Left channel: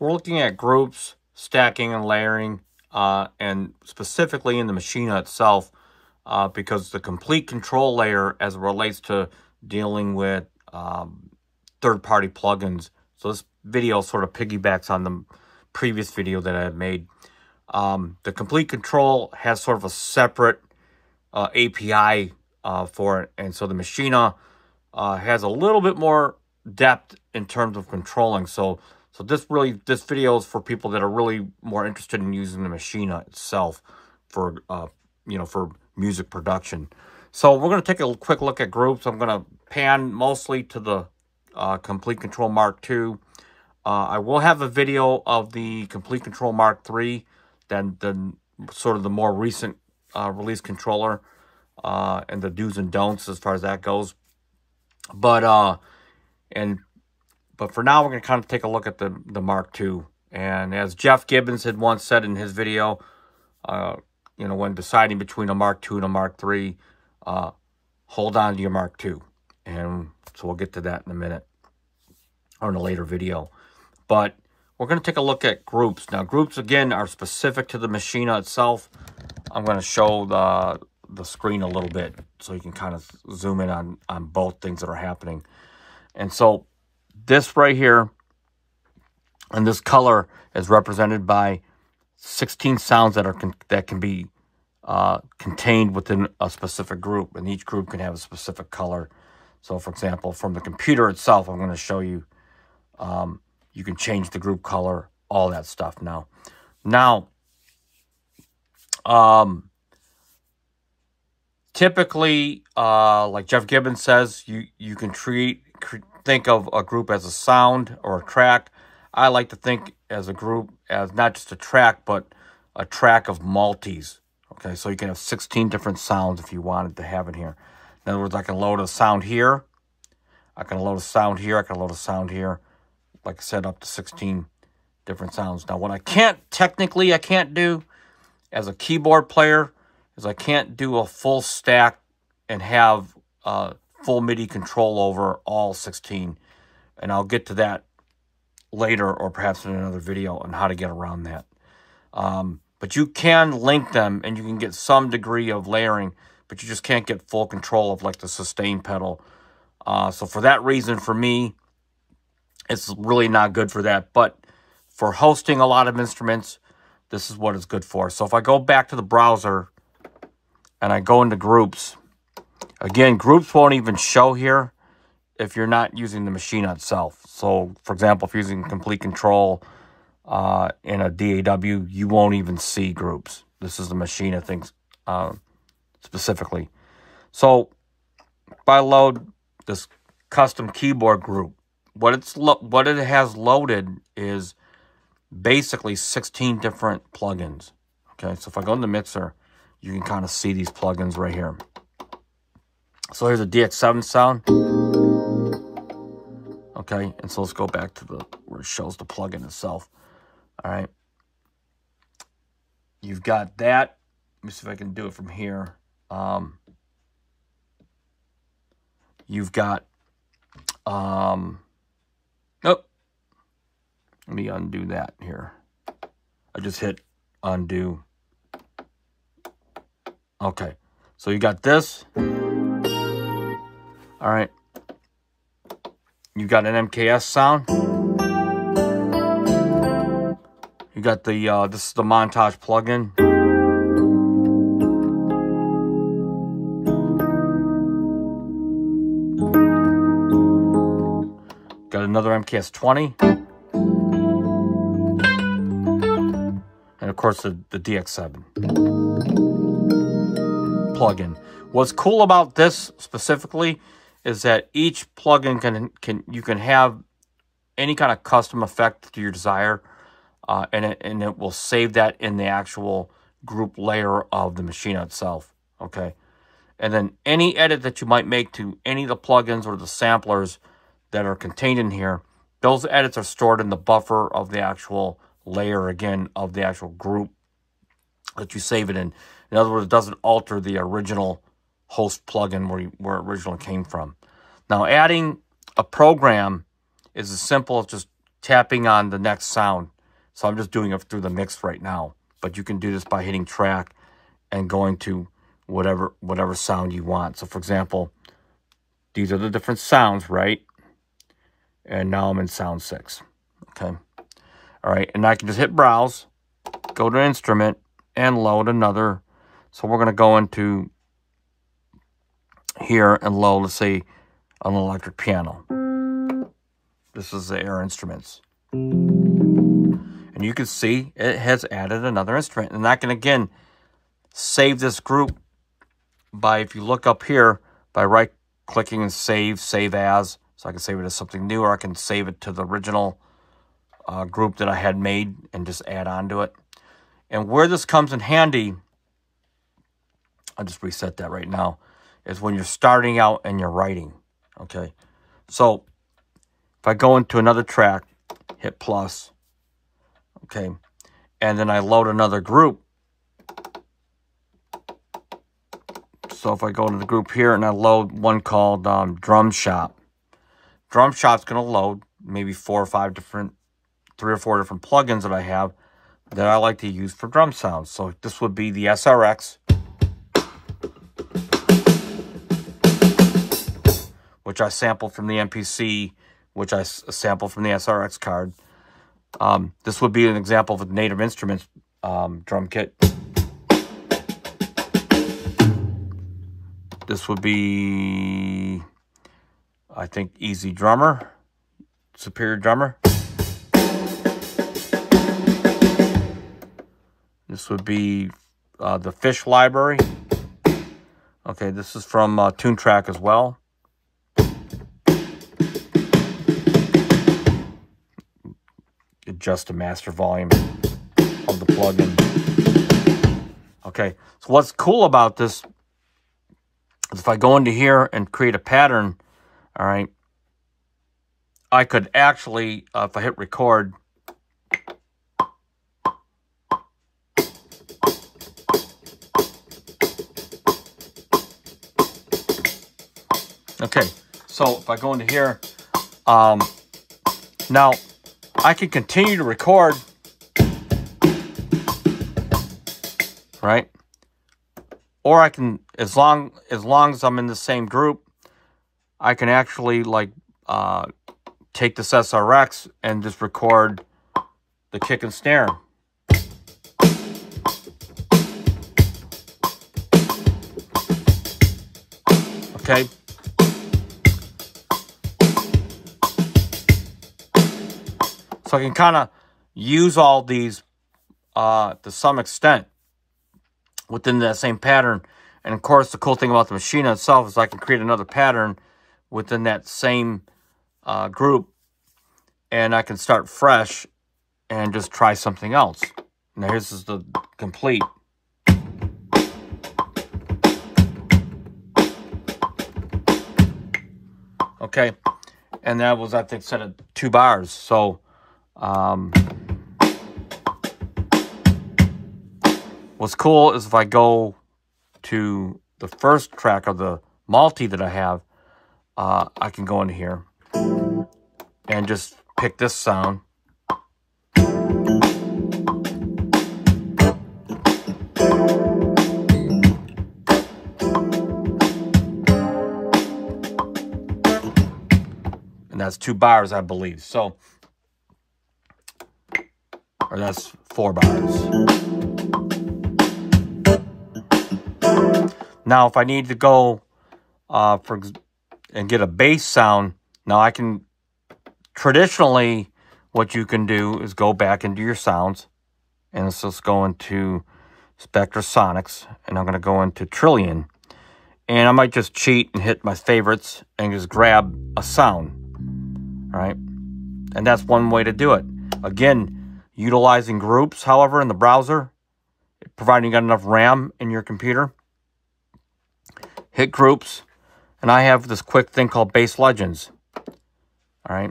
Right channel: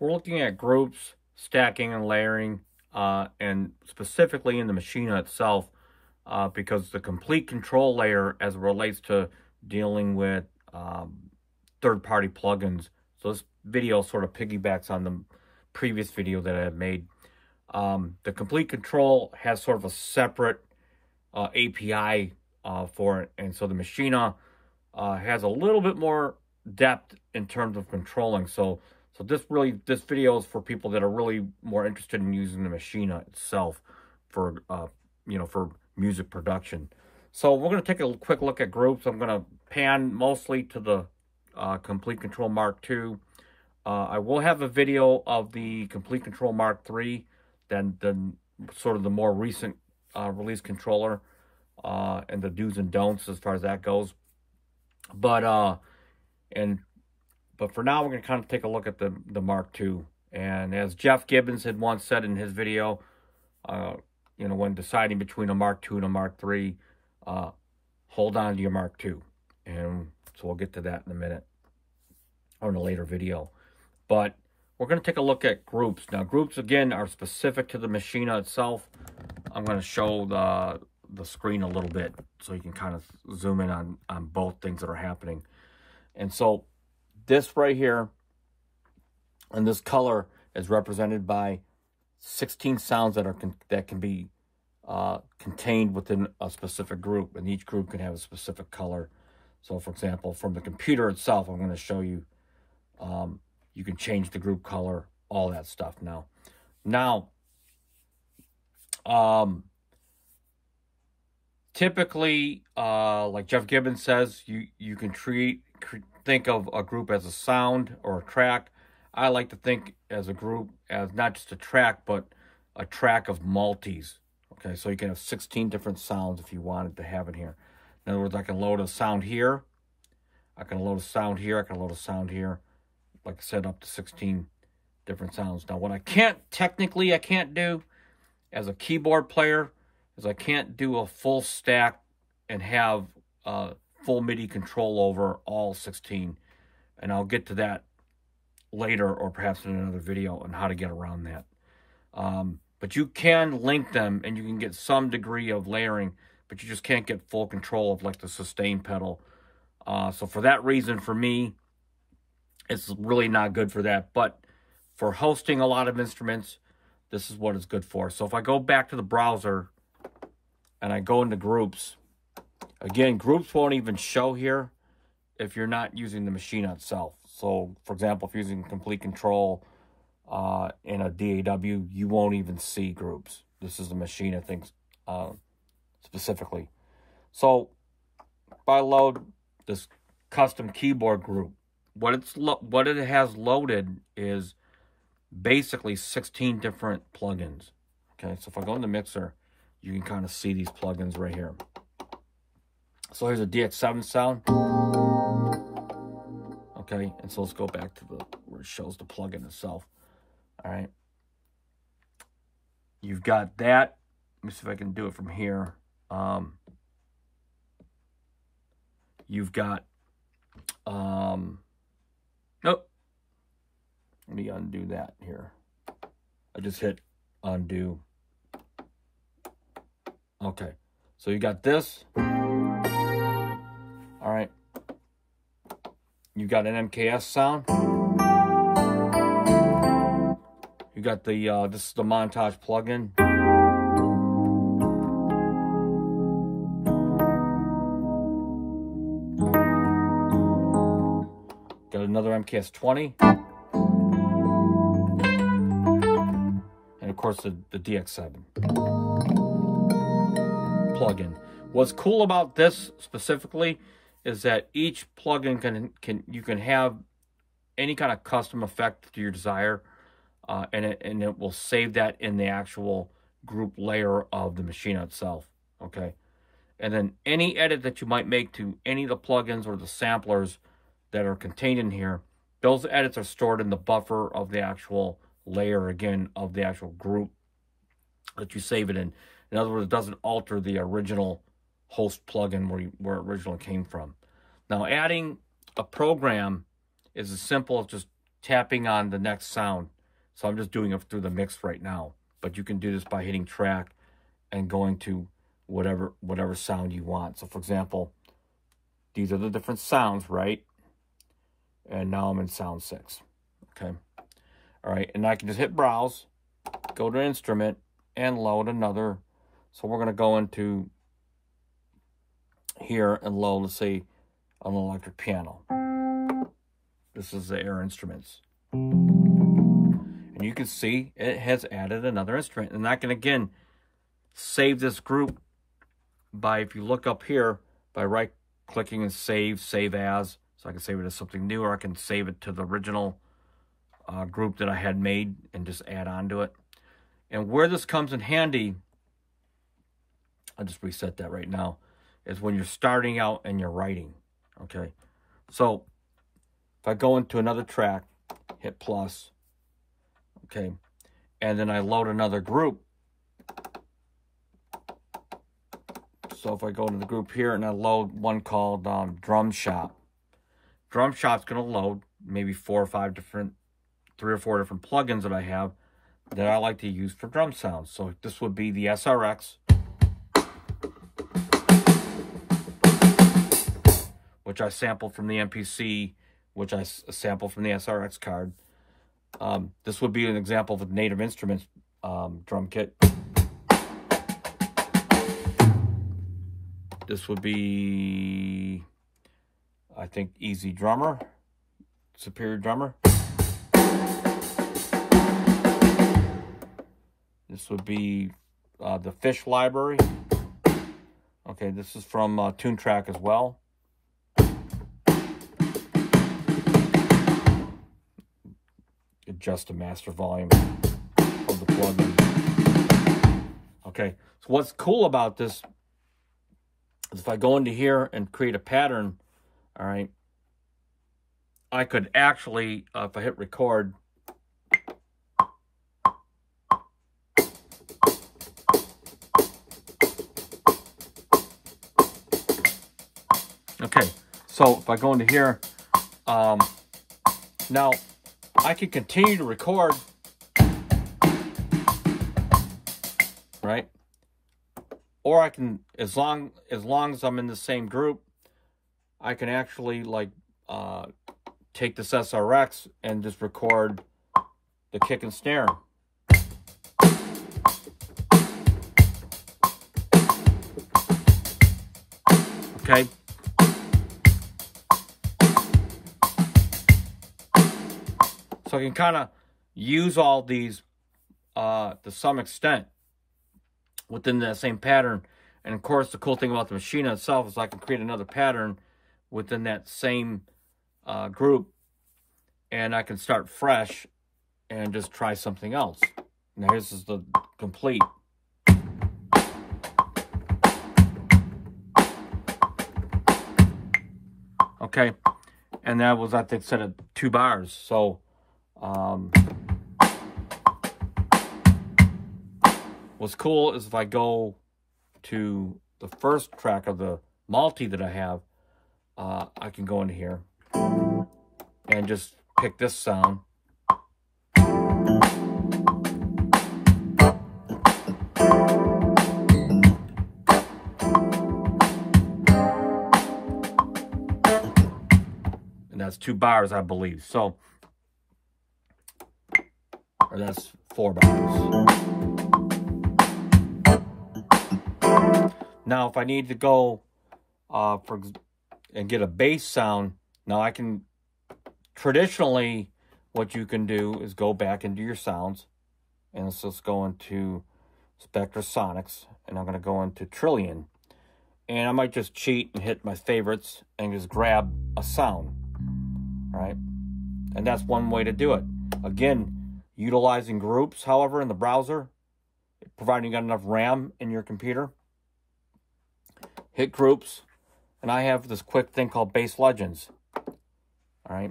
So we're looking at groups, stacking, and layering, and specifically in the Maschine itself, because the complete control layer as it relates to dealing with third-party plugins. So this video sort of piggybacks on the previous video that I had made. The complete control has sort of a separate API for it, and so the Maschine has a little bit more depth in terms of controlling. So this video is for people that are really more interested in using the Maschine itself for for music production. So we're going to take a quick look at groups. I'm going to pan mostly to the Complete Control Mark II. I will have a video of the Complete Control Mark III, then sort of the more recent release controller, and the do's and don'ts as far as that goes. But for now, we're going to kind of take a look at the Mark II. And as Jeff Gibbons had once said in his video, when deciding between a Mark II and a Mark III, hold on to your Mark II. And so we'll get to that in a minute, or in a later video. But we're going to take a look at groups. Now, groups, again, are specific to the Maschine itself. I'm going to show the screen a little bit so you can kind of zoom in on both things that are happening. And so this right here, and this color is represented by 16 sounds that can be contained within a specific group, and each group can have a specific color. So, for example, from the computer itself, I'm going to show you, you can change the group color, all that stuff now. Typically, like Jeff Gibbons says, you can think of a group as a sound or a track. I like to think as a group as not just a track, but a track of multis. Okay, so you can have 16 different sounds if you wanted to have it here. In other words, I can load a sound here. I can load a sound here. I can load a sound here. Like I said, up to 16 different sounds. Now, what I can't do as a keyboard player is I can't do a full stack and have full MIDI control over all 16. And I'll get to that later, or perhaps in another video, on how to get around that. But you can link them, and you can get some degree of layering, but you just can't get full control of like the sustain pedal. So for that reason, for me, it's really not good for that. But for hosting a lot of instruments, this is what it's good for. So if I go back to the browser and I go into groups, again, groups won't even show here if you're not using the Maschine itself. So, for example, if you're using Complete Control in a DAW, you won't even see groups. This is the Maschine things specifically. So, if I load this custom keyboard group, what it has loaded is basically 16 different plugins. Okay, so if I go in the mixer, you can kind of see these plugins right here. So here's a DX7 sound. Okay, and so let's go back to where it shows the plugin itself. All right. You've got that. Let me see if I can do it from here. You've got, nope. Let me undo that here. I just hit undo. Okay, so you got this. All right. You got an MKS sound. You got the this is the montage plugin. Got another MKS 20. And of course the DX7 plugin. What's cool about this specifically is that each plugin you can have any kind of custom effect to your desire, and it will save that in the actual group layer of the Maschine itself. Okay, and then any edit that you might make to any of the plugins or the samplers that are contained in here, those edits are stored in the buffer of the actual layer, again, of the actual group that you save it in. In other words, it doesn't alter the original host plugin where it originally came from. Now, adding a program is as simple as just tapping on the next sound. So I'm just doing it through the mix right now. But you can do this by hitting track and going to whatever sound you want. So for example, these are the different sounds, right? And now I'm in sound 6. Okay. All right. And I can just hit browse, go to instrument, and load another. So we're going to go into here and load, let's say, an electric piano. This is the Air Instruments. And you can see it has added another instrument. And I can, again, save this group by, if you look up here, by right-clicking and save as. So I can save it as something new, or I can save it to the original group that I had made and just add on to it. And where this comes in handy, I'll just reset that right now, is when you're starting out and you're writing. Okay, so if I go into another track, hit plus, okay, and then I load another group. So if I go to the group here and I load one called Drum Shop. Drum Shop's going to load maybe 3 or 4 different plugins that I have that I like to use for drum sounds. So this would be the SRX, which I sampled from the MPC, which I sampled from the SRX card. This would be an example of a Native Instruments drum kit. This would be, I think, Easy Drummer, Superior Drummer. This would be the Fish Library. Okay, this is from TuneTrack as well. Adjust the master volume of the plugin. Okay, so what's cool about this is if I go into here and create a pattern, all right, I could actually, if I hit record, okay, so if I go into here, now I can continue to record, right? Or I can, as long as I'm in the same group, I can actually like take this SRX and just record the kick and snare. Okay. So I can kind of use all these to some extent within that same pattern. And of course, the cool thing about the Maschine itself is I can create another pattern within that same group, and I can start fresh and just try something else. Now, this is the complete. Okay, and that was, I think, set at 2 bars. So, what's cool is if I go to the first track of the multi that I have, I can go in here and just pick this sound. And that's 2 bars, I believe. So, or that's 4 bars. Now, if I need to go and get a bass sound, now I can, traditionally, what you can do is go back into your sounds, and let's just go into Spectrasonics, and I'm going to go into Trillion, and I might just cheat and hit my favorites and just grab a sound, right? And that's one way to do it. Again, utilizing groups, however, in the browser, providing you got enough RAM in your computer, hit groups, and I have this quick thing called Bass Legends. All right.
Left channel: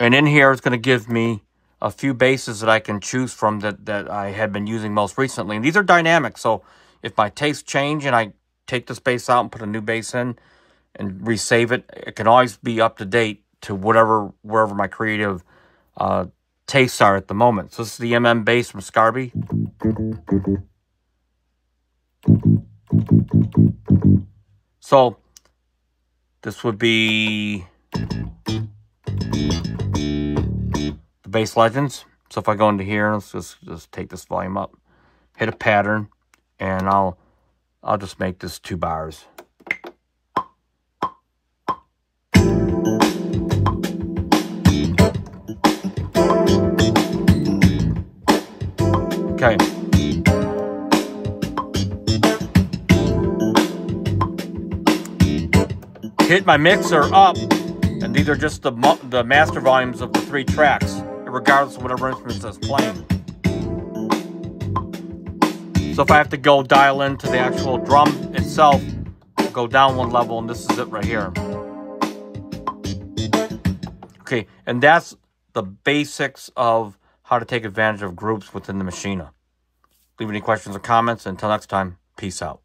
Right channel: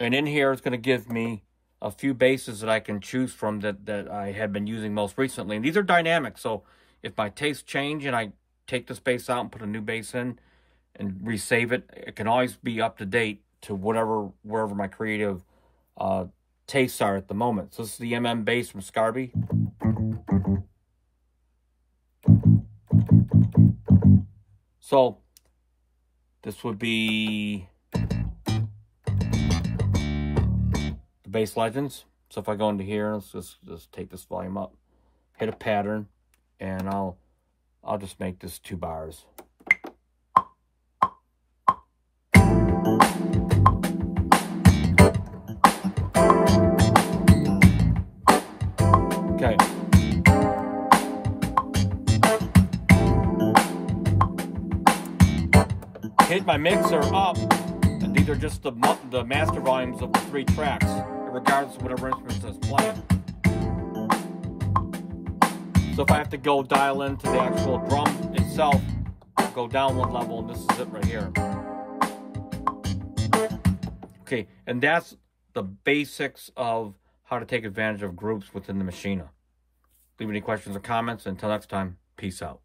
And in here, it's going to give me a few basses that I can choose from that I had been using most recently. And these are dynamic. So if my tastes change and I take this bass out and put a new bass in and resave it, it can always be up to date to wherever my creative tastes are at the moment. So this is the MM bass from Scarby. So this would be the Bass Legends. So if I go into here, let's just take this volume up, hit a pattern, and I'll just make this 2 bars. Okay. Hit my mixer up, and these are just the master volumes of the 3 tracks, regardless of whatever instruments that's playing. So if I have to go dial into the actual drum itself, I'll go down 1 level, and this is it right here. Okay, and that's the basics of how to take advantage of groups within the Maschine. Leave any questions or comments. Until next time, peace out.